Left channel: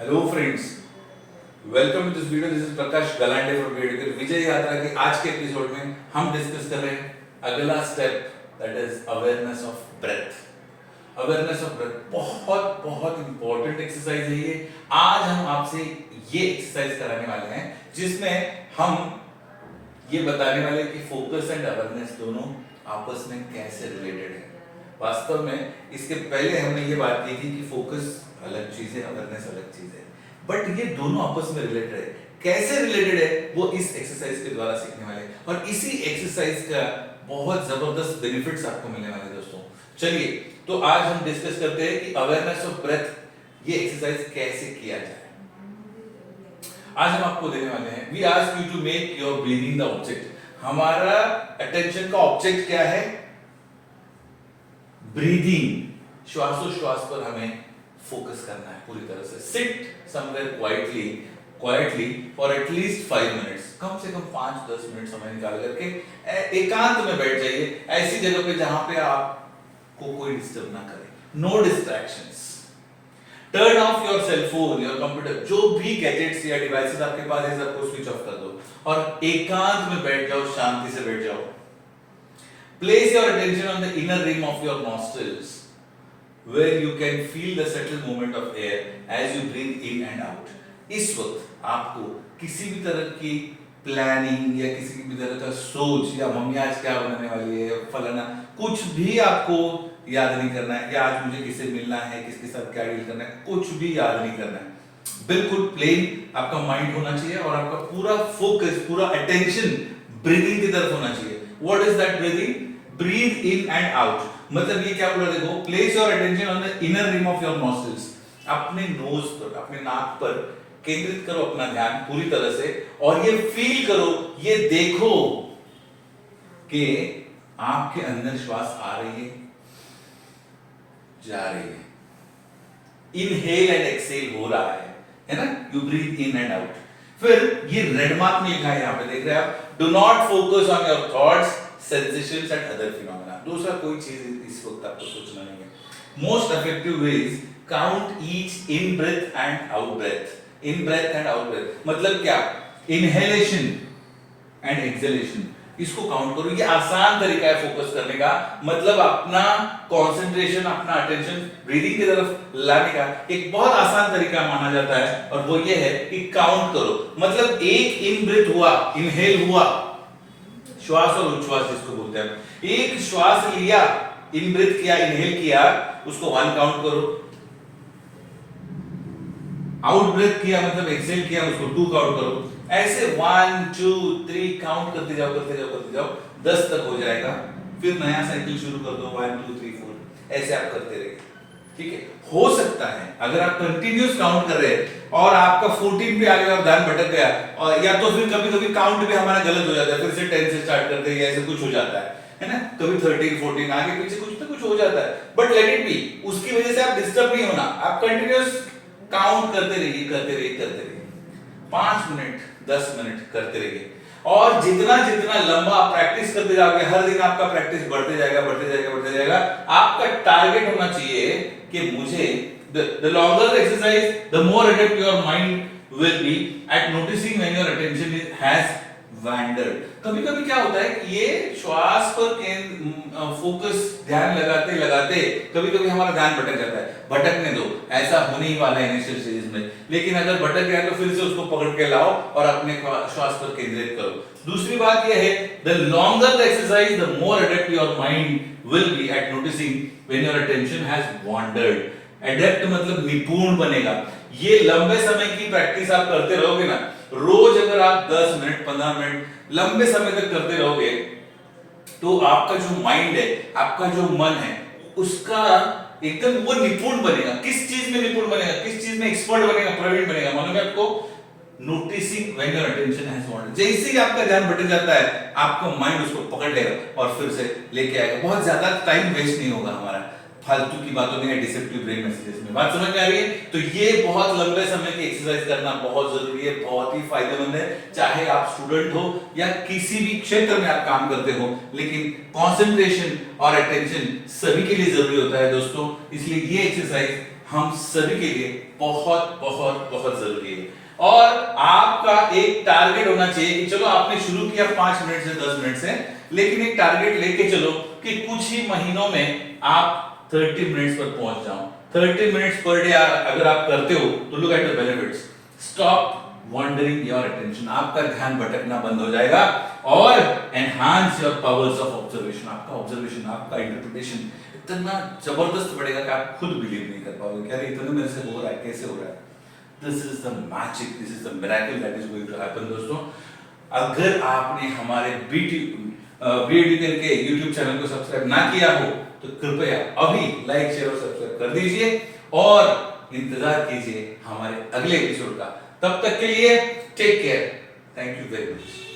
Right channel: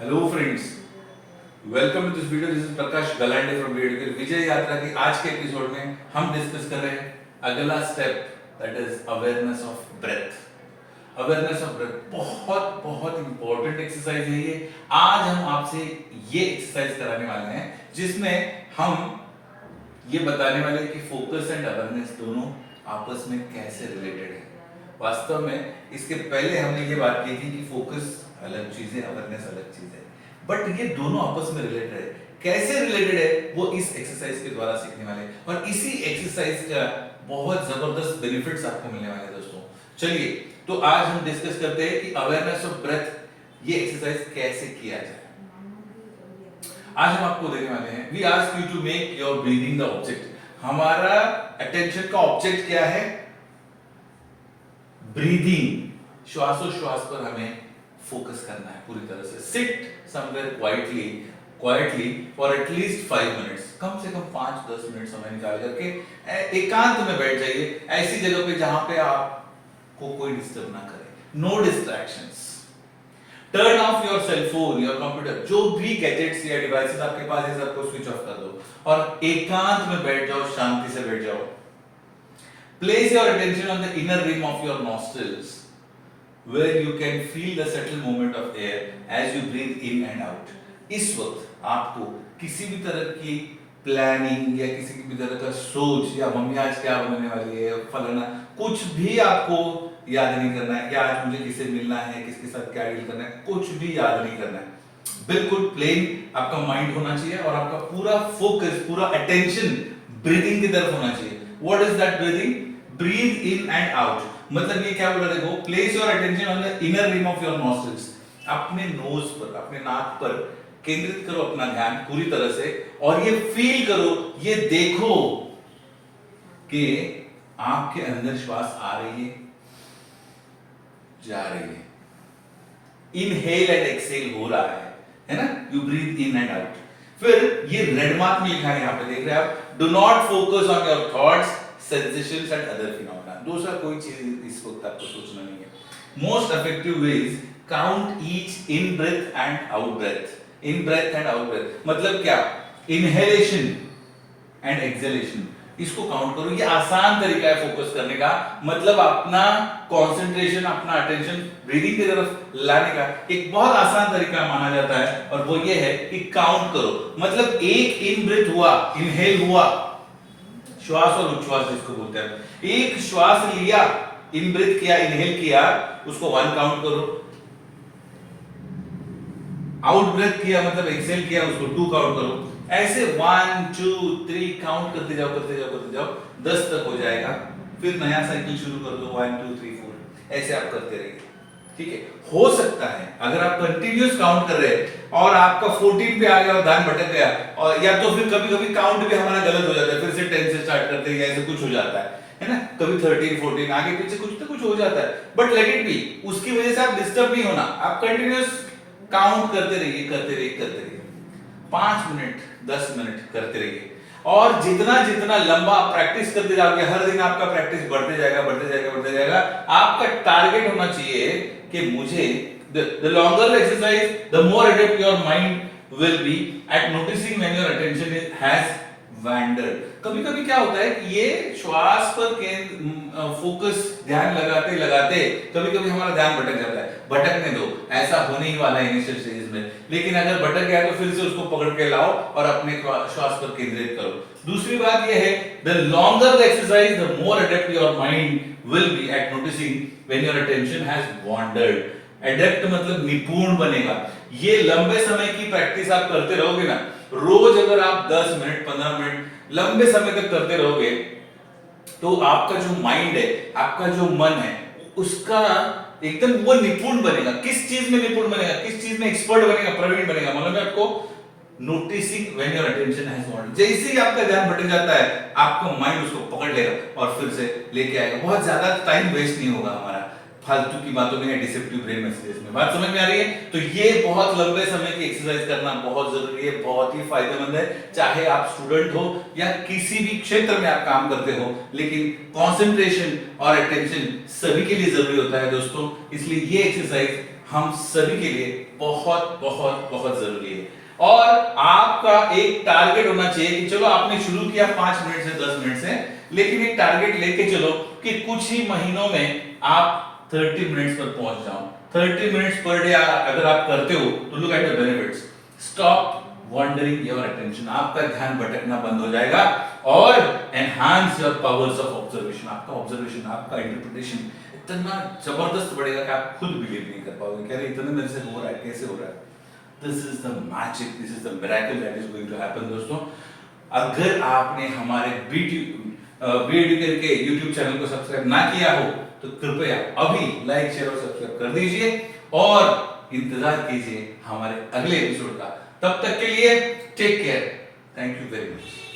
Hello friends, welcome to this video. This is Prakash Galande from BEd Vijay Yatra के आज के episode में हम डिस्कस कर रहे हैं अगला step, that is awareness of breath. Awareness of breath बहुत बहुत इंपॉर्टेंट एक्सरसाइज है ये। आज हम आपसे ये एक्सरसाइज कराने वाले हैं जिसमें हम ये बताने वाले हैं कि फोकस एंड अवेयरनेस दोनों आपस में कैसे रिलेटेड है। वास्तव में इसके पहले हमने ये बात की थी कि फोकस अलग चीज है, अवेयरनेस अलग चीज है, बट ये दोनों आपस में रिलेटेड है। कैसे रिलेटेड है वो इस एक्सरसाइज के द्वारा सीखने वाले हैं और इसी एक्सरसाइज का बहुत जबरदस्त बेनिफिट्स आपको मिलने वाले हैं दोस्तों। चलिए तो आज हम डिस्कस करते हैं कि अवेयरनेस ऑफ ब्रेथ ये एक्सरसाइज कैसे किया जाए। आज हम आपको देने वाले हैं, we ask you to make your breathing the object. हमारा अटेंशन का ऑब्जेक्ट क्या है? ब्रीदिंग, श्वासोश्वास पर हमें फोकस करना है पूरी तरह से। Sit somewhere quietly for at least 5 minutes, कम से कम 5-10 मिनट समय निकाल करके एकांत में बैठ जाइए, ऐसी जगह पे जहां पे आपको कोई डिस्टर्ब ना करे। No distractions. Turn off your cell phone, your computer, जो भी गैजेट्स या डिवाइसेस आपके पास है सबको स्विच ऑफ कर दो और एकांत में बैठ जाओ, शांति से बैठ जाओ। Place your attention on the inner rim of your nostrils where you can feel the subtle movement of air as you breathe in and out। इस वक्त आपको किसी भी तरह की प्लानिंग या किसी भी तरह का सोच या मम्मी आज क्या बनाने वाली है फलाना, कुछ भी आपको याद नहीं करना है, या आज मुझे किससे मिलना है, किसके साथ क्या डील करना है, कुछ भी याद नहीं करना है। बिल्कुल प्लेन आपका माइंड होना चाहिए और आपका पूरा फोकस, पूरा अटेंशन ब्रीदिंग की तरफ होना चाहिए। What is that breathing? Breathe in and out. मतलब ये क्या बोला, देखो, place your attention on the inner rim of your nostrils. अपने नोज पर, अपने नाक पर केंद्रित करो अपना ध्यान पूरी तरह से और ये फील करो, ये देखो कि आपके अंदर श्वास आ रही है, जा रही है, इनहेल एंड एक्सहेल हो रहा है ना? You breathe in and out. फिर ये रेड मार्क में लिखा है, यहां पे देख रहे हैं आप, do not focus on your thoughts, sensations and other phenomena. दूसरा कोई चीज इस वक्त आपको सोचना नहीं है। Most effective ways, count each in breath and out breath. In breath and out breath मतलब क्या? इनहेलेशन एंड एक्सहेलेशन, इसको काउंट करो। ये आसान तरीका है फोकस करने का, मतलब अपना कंसंट्रेशन, अपना अटेंशन ब्रीदिंग की तरफ लाने का एक बहुत आसान तरीका माना जाता है और वो ये है कि काउंट करो। मतलब एक इन ब्रेथ हुआ, इनहेल हुआ, श्वास और उच्छ्वास जिसको बोलते हैं, एक श्वास लिया, इन ब्रेथ किया, इनहेल किया, उसको 1 काउंट करो। आउट ब्रेथ किया मतलब एक्सहेल किया, उसको 2 काउंट करो। ऐसे 1 2 3 काउंट करते जाओ, करते जाओ, करते जाओ, 10 तक हो जाएगा। फिर नया साइकिल शुरू कर दो, 1 2 3 4, ऐसे आप करते रहिए। ठीक है, हो सकता है अगर आप कंटिन्यूस काउंट कर रहे हैं और आपका 14 पे आ गया और ध्यान भटक गया, और या तो फिर कभी कभी काउंट भी हमारा गलत हो जाता है, फिर से 10 से स्टार्ट करते हैं, ऐसे कुछ हो जाता है ना? कभी 13 14 आगे पीछे कुछ तो कुछ हो जाता है, बट लेट इट बी। उसकी वजह से आप डिस्टर्ब नहीं होना, आप कंटिन्यूस काउंट करते रहिए, करते रहिए, करते रहिए, 5 मिनट 10 मिनट करते रहिए। और जितना जितना लंबा प्रैक्टिस करते जाओगे, हर दिन आपका प्रैक्टिस बढ़ते जाएगा, बढ़ते जाएगा, बढ़ते जाएगा। आपका टारगेट होना चाहिए कि मुझे the longer the exercise, the more adept your mind will be at noticing when your attention has wandered। कभी कभी क्या होता है कि ये श्वास पर फोकस ध्यान लगाते लगाते कभी कभी हमारा ध्यान भटक जाता है। भटकने दो, ऐसा होने ही वाला है इनिशियल स्टेज में, लेकिन अगर भटक गया तो फिर से उसको पकड़ के लाओ और अपने श्वास पर केंद्रित करो। दूसरी बात यह है, the longer the exercise, the more adept your mind will be at noticing when your attention has wandered। Adept मतलब निपुण बनेगा। ये लंबे समय की प्रैक्टिस आप करते रहोगे ना, रोज अगर आप 10 मिनट 15 मिनट लंबे समय तक करते रहोगे तो आपका जो माइंड है, आपका जो मन है, उसका एकदम वो निपुण बनेगा। किस चीज में निपुण बनेगा? किस चीज में एक्सपर्ट बनेगा, प्रवीण बनेगा? मालूम है आपको? Noticing when your attention has wandered. जैसे ही आपका ध्यान भटक जाता है, आपका माइंड उसको पकड़ लेगा और फिर से लेके आएगा। बहुत ज्यादा टाइम वेस्ट नहीं होगा हमारा फालतू की बातों में या डिसेप्टिव ब्रेन मैसेजेस में। बात समझ में आ रही है? तो ये बहुत लंबे समय की एक्सरसाइज करना बहुत जरूरी है, बहुत ही फायदेमंद है। चाहे आप स्टूडेंट हो या किसी भी क्षेत्र में आप काम करते हो, लेकिन कंसंट्रेशन और अटेंशन सभी के लिए जरूरी होता है दोस्तों। इसलिए ये एक्सरसाइज हम सभी के लिए बहुत बहुत बहुत जरूरी है। और आपका एक टारगेट होना चाहिए कि चलो आपने शुरू किया 5 मिनट से 10 मिनट से, लेकिन एक टारगेट लेके चलो कि कुछ ही महीनों में आप 30 मिनट्स पर पहुंच जाओ। 30 मिनट्स पर डे अगर आप करते हो तो look at the benefits. Stop wandering your attention, आपका ध्यान भटकना बंद हो जाएगा और enhance your powers of observation. आपका ऑब्जर्वेशन, आपका इंटरप्रिटेशन इतना जबरदस्त बढ़ेगा कि आप खुद बिलीव नहीं कर पाओगे कि अरे इतने मेरे से हो रहा है, कैसे हो रहा है। This is the magic, this is the miracle that is going to happen. दोस्तों, अगर आपने हमारे बीएडुकेशन के यूट्यूब चैनल को सब्सक्राइब ना किया हो तो कृपया अभी लाइक, शेयर और सब्सक्राइब कर दीजिए और इंतजार कीजिए हमारे अगले एपिसोड का। तब तक के लिए take care, thank you very much.